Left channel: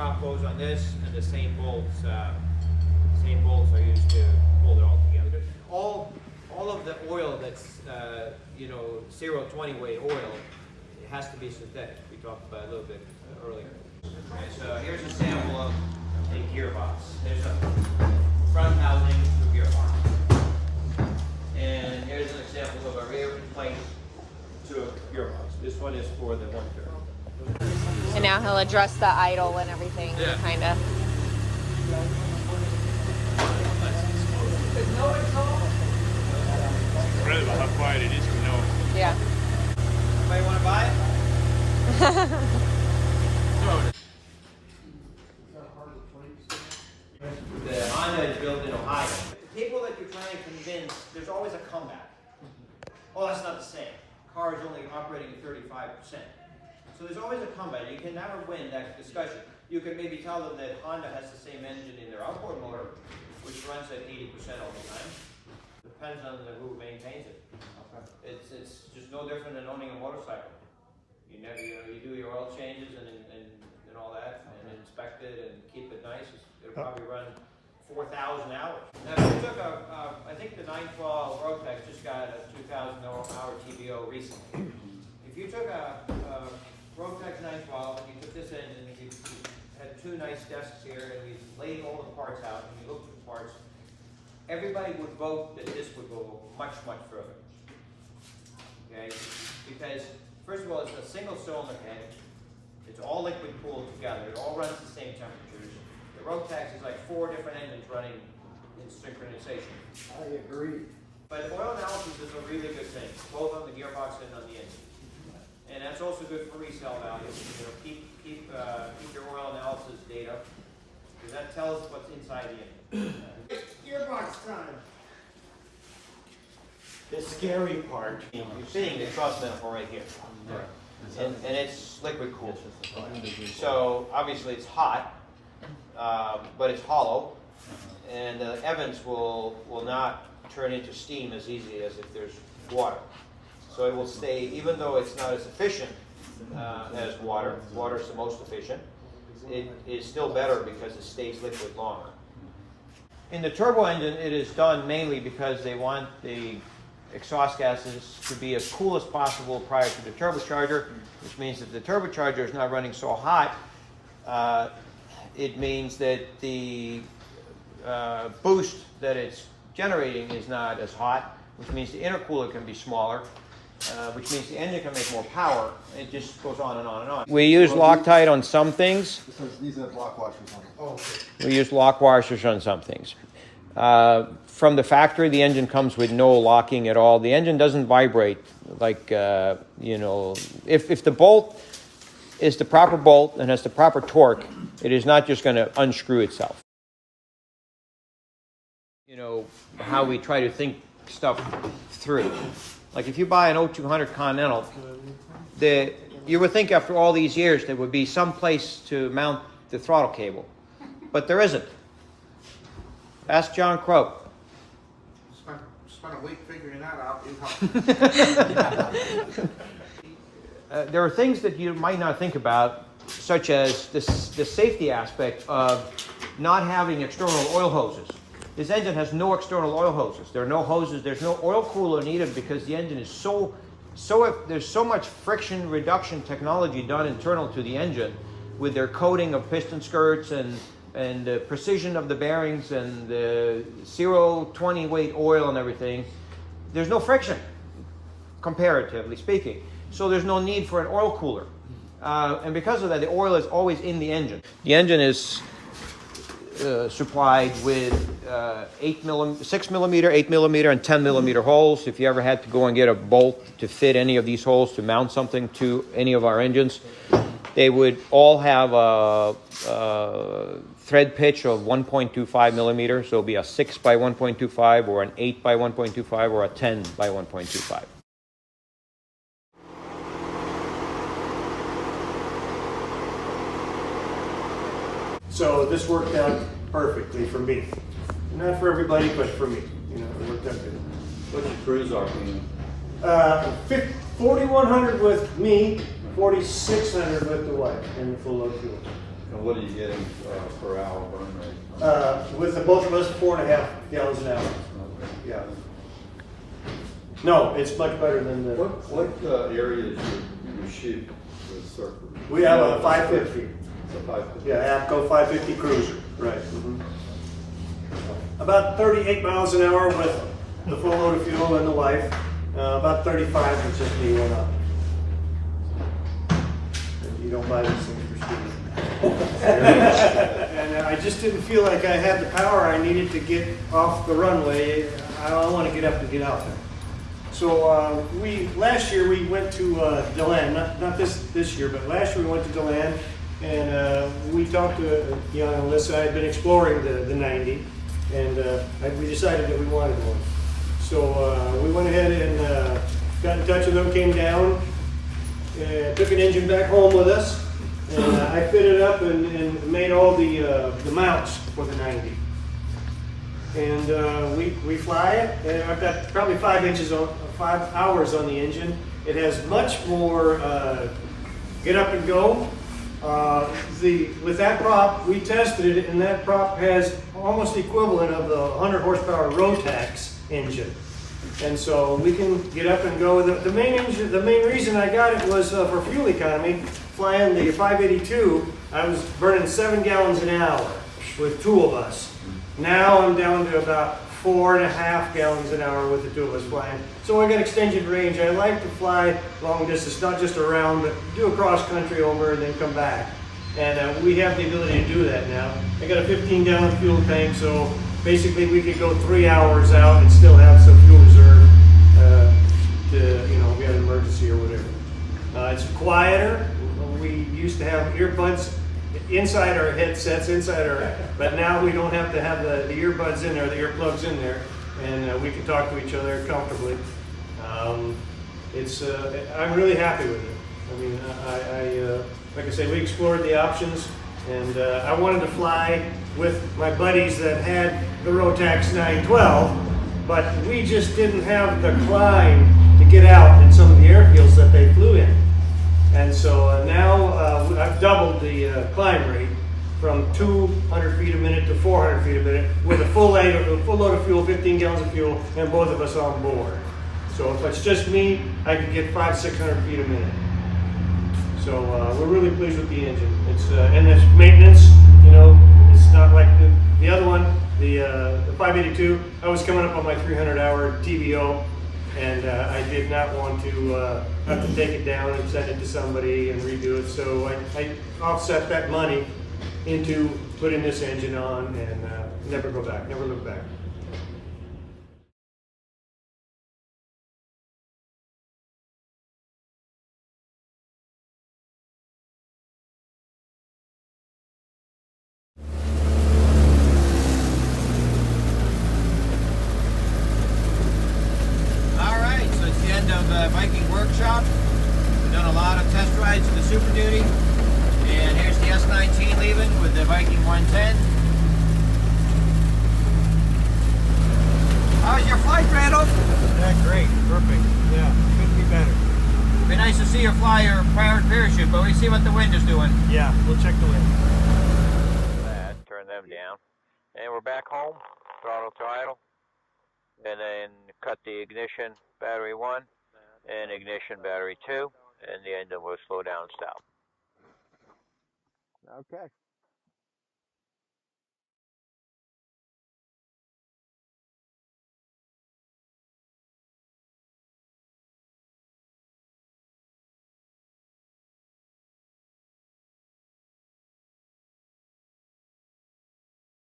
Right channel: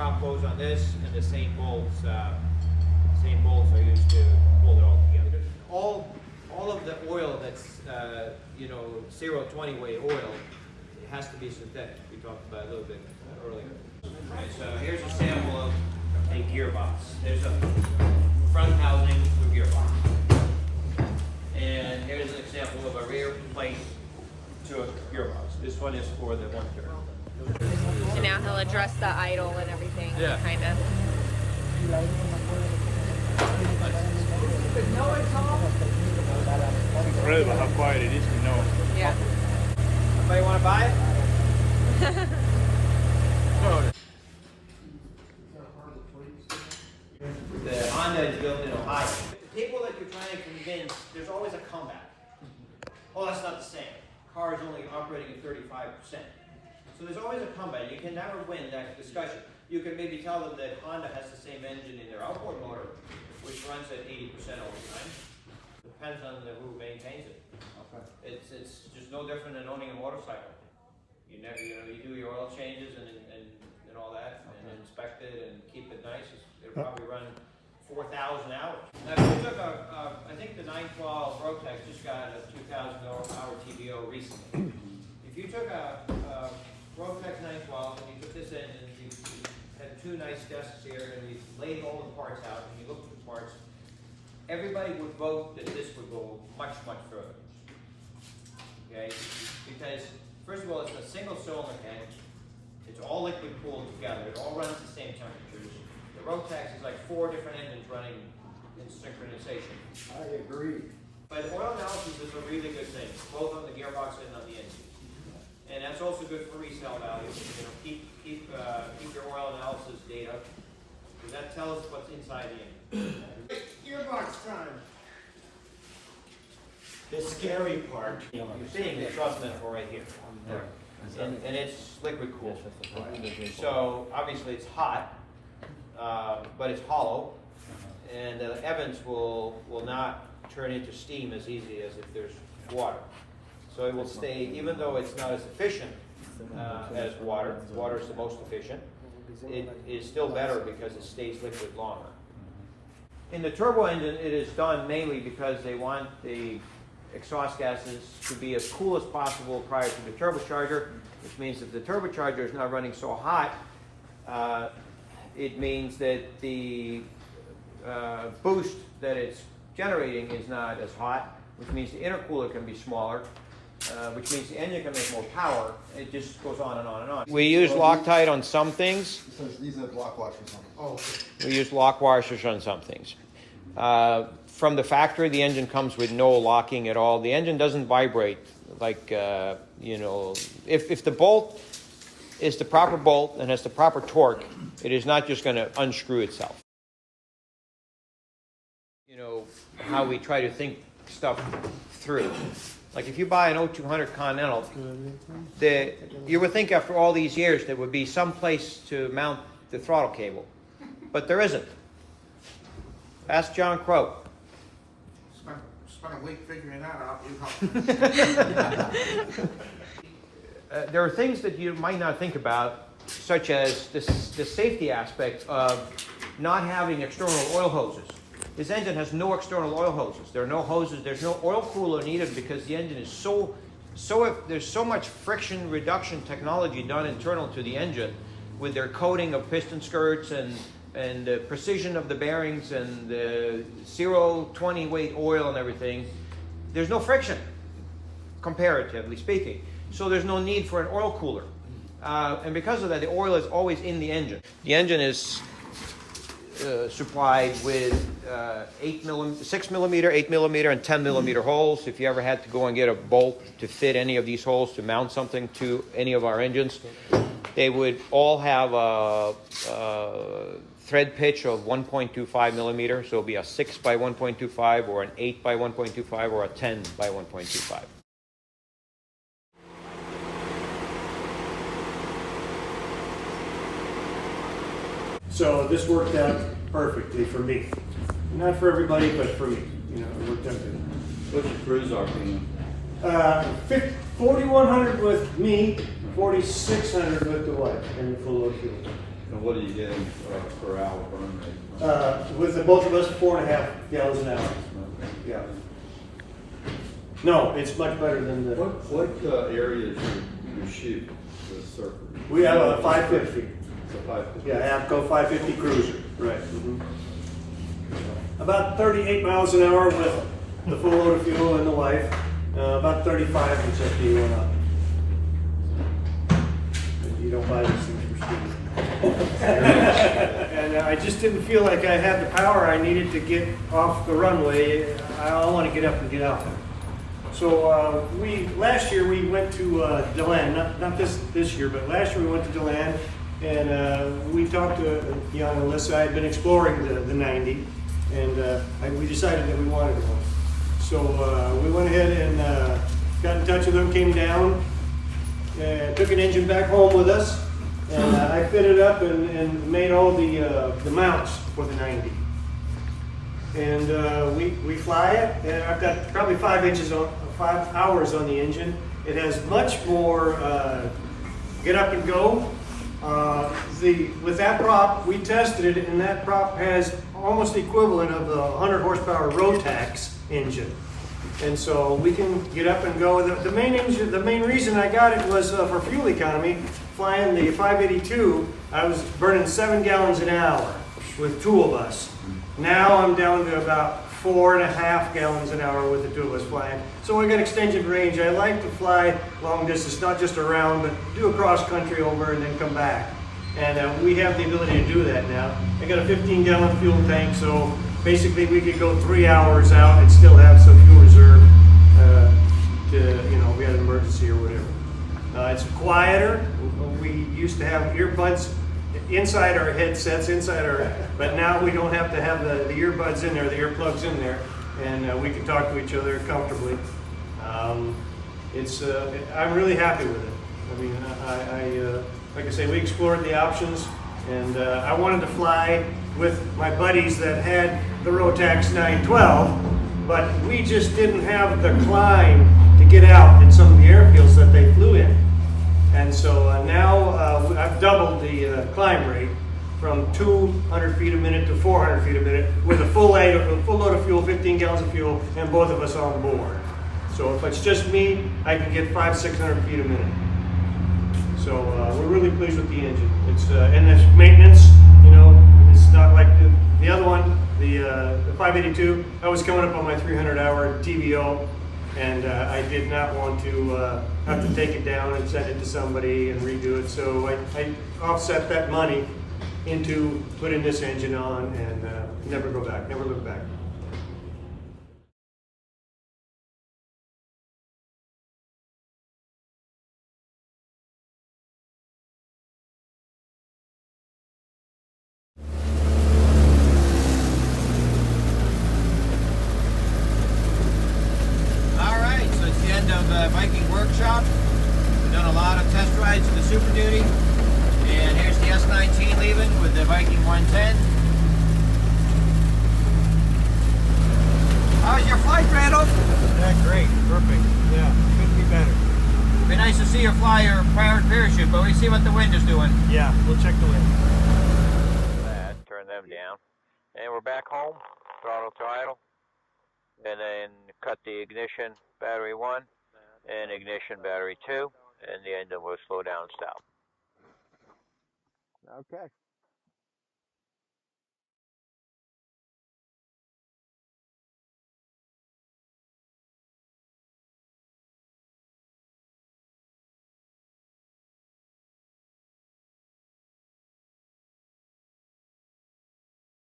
prop goes on this, and the same bolts are used to hold it all together. All of the oil that's 020 weight oil, it has to be synthetic. We talked about it a little bit earlier. Okay, so here's a sample of a gearbox. There's a front housing to a gearbox. And here's an example of a rear plate to a gearbox. This one is for the one turn. And now he'll address the idle and everything, Yeah. kind of. Rather than how quiet it is to know. Yeah. Somebody want to buy it? The Honda is built in Ohio. The people that you're trying to convince, there's always a comeback. Oh, that's not the same. Car is only operating at 35%. So there's always a comeback. You can never win that discussion. You can maybe tell them that Honda has the same engine in their outboard motor, which runs at 80% all the time. Depends on who maintains it. Okay. It's just no different than owning a motorcycle. You do your oil changes and all that, and inspect it and keep it nice. It'll probably run 4,000 hours. Now, if you took I think the 912 Rotex just got a 2,000 hour TBO recently. If you took a Rotex 912 and you took this engine, and you had two nice desks here, and you laid all the parts out, and you looked at the parts, everybody would vote that this would go much, much further. Okay? Because, first of all, it's a single cylinder head. It's all liquid cooled together. It all runs the same temperatures. The Rotex is like 4 different engines running in synchronization. I agree. But oil analysis is a really good thing, both on the gearbox and on the engine. And that's also good for resale value. Keep your oil analysis data, because that tells us what's inside the engine. Gearbox time. The scary part. You're seeing the truss manifold right here. And it's liquid cooled. So obviously it's hot, but it's hollow, and the Evans will not turn into steam as easy as if there's water. So it will stay, even though it's not as efficient as water. Water is the most efficient. It is still better because it stays liquid longer. In the turbo engine, it is done mainly because they want the exhaust gases to be as cool as possible prior to the turbocharger, which means that the turbocharger is not running so hot. It means that the boost that it's generating is not as hot, which means the intercooler can be smaller, which means the engine can make more power. It just goes on and on and on. We use Loctite on some things. These are block washers on them. Oh, okay. We use lock washers on some things. From the factory, the engine comes with no locking at all. The engine doesn't vibrate like, if the bolt is the proper bolt and has the proper torque, it is not just going to unscrew itself. You know, how we try to think stuff through. Like if you buy an 0200 Continental, you would think after all these years there would be some place to mount the throttle cable, but there isn't. Ask John Crow. Spent a week figuring that out. There are things that you might not think about, such as the safety aspect of not having external oil hoses. This engine has no external oil hoses. There are no hoses. There's no oil cooler needed because the engine is there's so much friction reduction technology done internal to the engine with their coating of piston skirts and the precision of the bearings and the 020 weight oil and everything. There's no friction, comparatively speaking. So there's no need for an oil cooler. And because of that, the oil is always in the engine. The engine is supplied with 6 millimeter, 8 millimeter, and 10 millimeter holes. If you ever had to go and get a bolt to fit any of these holes to mount something to any of our engines, they would all have a thread pitch of 1.25 millimeters. So it'll be a 6 by 1.25 or an 8 by 1.25 or a 10 by 1.25. So this worked out perfectly for me. Not for everybody, but for me. You know, it worked out good. What's your cruise RPM? 4,100 with me, 4,600 with the wife, and the full load fuel. And what are you getting per hour burn rate? With the both of us, 4.5 gallons an hour. Yeah. No, it's much better than the. What area is you shoot the surfer? We have a 550. It's a 550. Yeah, APCO 550 Cruiser. Right. Mm-hmm. About 38 miles an hour with the full load of fuel and the wife. About 35 with just the one up. You don't buy these things for speed. And I just didn't feel like I had the power I needed to get off the runway. I want to get up and get out there. So last year we went to DeLand, not this year, but last year we went to DeLand, and we talked to Jan and Alyssa. I had been exploring the 90, and we decided that we wanted one. So we went ahead and got in touch with them, came down, took an engine back home with us, and I fitted up and made all the mounts for the 90. And we fly it, and I've got probably 5 hours on the engine. It has much more get up and go. With that prop, we tested it, and that prop has almost equivalent of the 100 horsepower Rotax engine. And so we can get up and go. The main reason I got it was for fuel economy. Flying the 582, I was burning 7 gallons an hour with 2 of us. Now I'm down to about 4.5 gallons an hour with the 2 of us flying. So I got extended range. I like to fly long distance, not just around, but do a cross country over and then come back. And we have the ability to do that now. I got a 15-gallon fuel tank, so basically we could go 3 hours out and still have some fuel reserve if we had an emergency or whatever. It's quieter. We used to have earbuds inside our headsets, but now we don't have to have the earbuds in there, the earplugs in there, and we can talk to each other comfortably. I'm really happy with it. I mean, like I say, we explored the options, and I wanted to fly with my buddies that had the Rotax 912, but we just didn't have the climb to get out in some of the airfields that they flew in. And so now I've doubled the climb rate from 200 feet a minute to 400 feet a minute with a full load of fuel, 15 gallons of fuel, and both of us on board. So if it's just me, I can get 500-600 feet a minute. So we're really pleased with the engine. And this maintenance, it's not like the other one, the 582. I was coming up on my 300-hour TBO. And I did not want to have to take it down and send it to somebody and redo it. So I offset that money into putting this engine on and never look back. Viking Workshop. We've done a lot of test rides with the Super Duty, and here's the S19 leaving with the Viking 110. How's your flight, Randall? Yeah, great, perfect. Yeah, couldn't be better. Be nice to see you fly your powered parachute, but we see what the wind is doing. Yeah, we'll check the wind. Turn them down, and we're back home. Throttle to idle, and then cut the ignition battery 1. And ignition battery 2, and the engine will slow down and stop. Okay.